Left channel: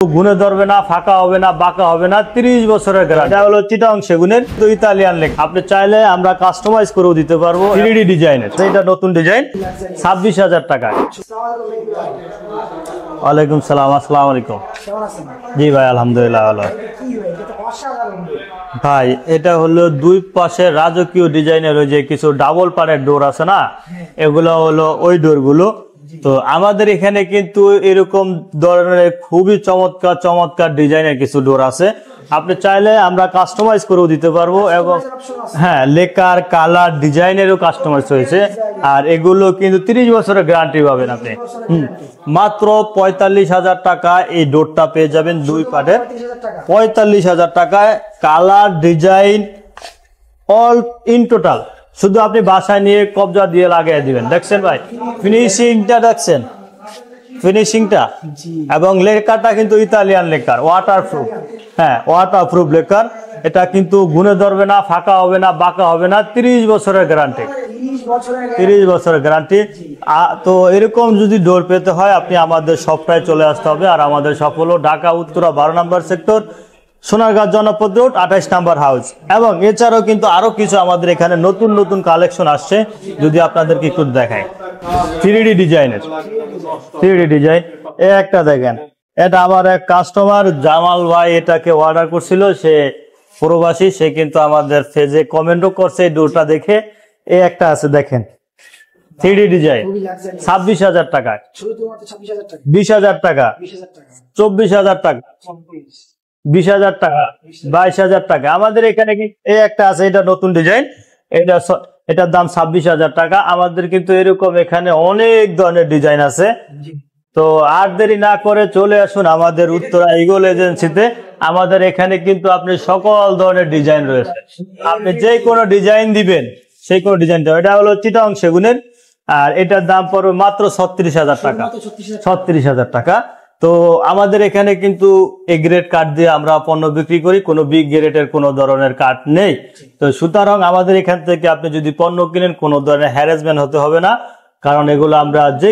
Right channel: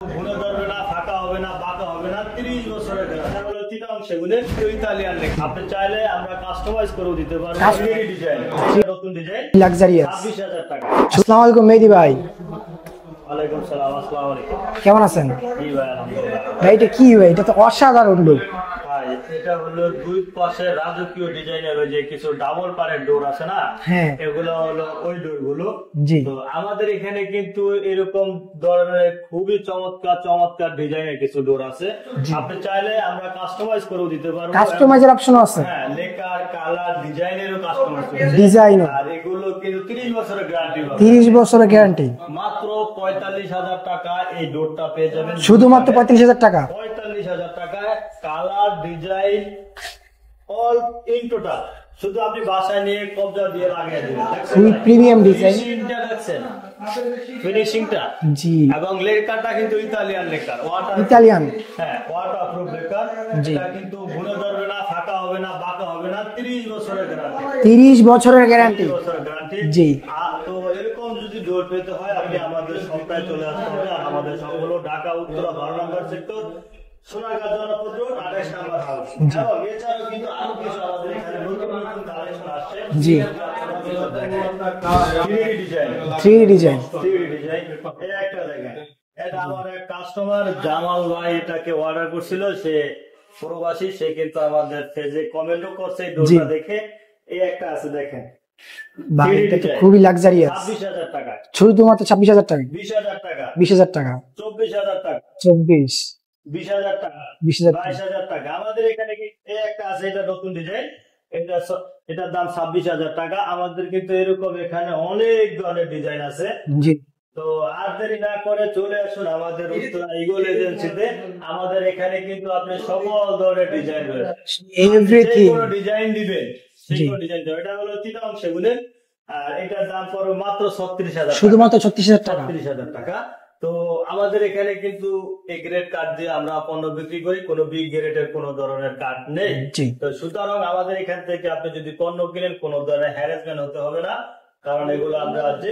গুনে ধরবে না, ফাঁকা হবে না, বাঁকা হবে না, 30 বছরের গ্যারান্টি। এটা হলো চিটাং সেগুনের ইতালিয়ান লেক। আপনি চাইলে আমরা কাস্টমাইজ করেও দিতে পারবো 3D ডিজাইনের। এটা নতুন ডিজাইন, 26,000 টাকা। আসসালামু আলাইকুম মেহেদী ভাই। ওয়ালাইকুম সালাম, আসসালামু আলাইকুম। কেমন আছেন? জি ভাই, আলহামদুলিল্লাহ ভালো। ভাই এটা কি ভাই? এটা তো অসাধারণ লুক ভাই। এটা হলো দুই পাশে রাজকীয় ডিজাইনের ওই যে কিছু ডাবল পাড়ের ডোর আছে না, এগুলো হলো ওই ডোর গুলো। তো আমাদের এখানে কিন্তু এরকম ধরনের খুবই চমৎকার চমৎকার ডিজাইনের কিছু ডোর আছে। আপনি চাইলে আমরা কাস্টমাইজ করেও দিতে পারবো। কাস্টমাইজের অপশন আছে। হ্যাঁ, লেকার কালার ডিজাইনেরও কাস্টমাইজ হয়েছে। আর এগুলো কিন্তু 30 বছরের গ্যারান্টি পাবেন। 30 বছরের গ্যারান্টি। মাত্র 45,000 টাকা এই ডোরটা পেয়ে যাবেন। শুধুমাত্র 45,000 টাকা। 45,000 টাকায় colour design all in total. শুধু আপনি বাসায় নিয়ে কবজা দিয়ে লাগিয়ে দিবেন। দেখছেন ভাই ফিনিশিংটা, দেখছেন ফিনিশিংটা। এবং লেকারটা কিন্তু ইতালিয়ান লেকার, ওয়াটার ইতালিয়ান। হ্যাঁ, ওয়াটার প্রুফ লেকার। এটা কিন্তু গুনে ধরবে না, ফাঁকা হবে না, বাঁকা হবে না, 30 বছরের গ্যারান্টি। 30 বছরের গ্যারান্টি। 30 বছরের গ্যারান্টি। তো এরকম যদি ডোর পেতে হয় আপনি আমাদের শপটায় চলে আসতে হবে। আর আমাদের শপ হলো ঢাকা উত্তরা 12 নম্বর সেক্টর, সোনারগাঁ জনপদ রোড, 28 নম্বর হাউস। এবং এছাড়াও কিন্তু আরো কিছু আমাদের এখানে নতুন নতুন কালেকশন আসছে, যদি আপনাদেরকে একটু দেখাই। 3D ডিজাইনের 3D ডিজাইন। এই একটা দেখেন, এটা আমার এক কাস্টমার জামাল ভাই এটাকে অর্ডার করছিল। সে প্রবাসী, সে কিন্তু আমাদের পেজে কমেন্টও করছে এই ডোরটা দেখে। এই একটা আছে দেখেন, 3D ডিজাইন, খুবই লাক্সারিয়াস। 26,000 টাকা। শুধুমাত্র 26,000 টাকা। 20,000 টাকা। 20,000 টাকা। 24,000 টাকা। 20,000 টাকা। 22,000 টাকা। আমাদের এখানে এই একটা আছে, এটা নতুন ডিজাইন। এটার দাম 26,000 টাকা। আমাদের কিন্তু এরকম এখানে অনেক ধরনের ডিজাইন আছে। তো আর দেরি না করে চলে আসুন আমাদের উত্তরা ইগল এজেন্সিতে। আমাদের এখানে কিন্তু আপনি সকল ধরনের ডিজাইন রয়েছে। আপনি যে কোনো ডিজাইন দিবেন, সেই কোনো ডিজাইন দেবেন। এটা হলো চিটাং সেগুনের। আর এটার দাম পড়বে মাত্র 36,000 টাকা। 36,000 টাকা। তো আমাদের এখানে কিন্তু এ গ্রেড কাঠ দিয়ে আমরা পণ্য বিক্রি করি, কোনো বি গ্রেডের কোনো ধরনের কাঠ নেই। তো সুতরাং আমাদের এখান থেকে আপনি যদি পণ্য কিনেন কোনো ধরনের হ্যারাসমেন্ট হতে হবে না, কারণ এগুলো আমরা যে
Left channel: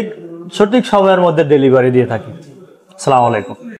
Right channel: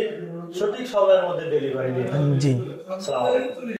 সঠিক সময়ের মধ্যে ডেলিভারি দিয়ে থাকি। আসসালামু আলাইকুম।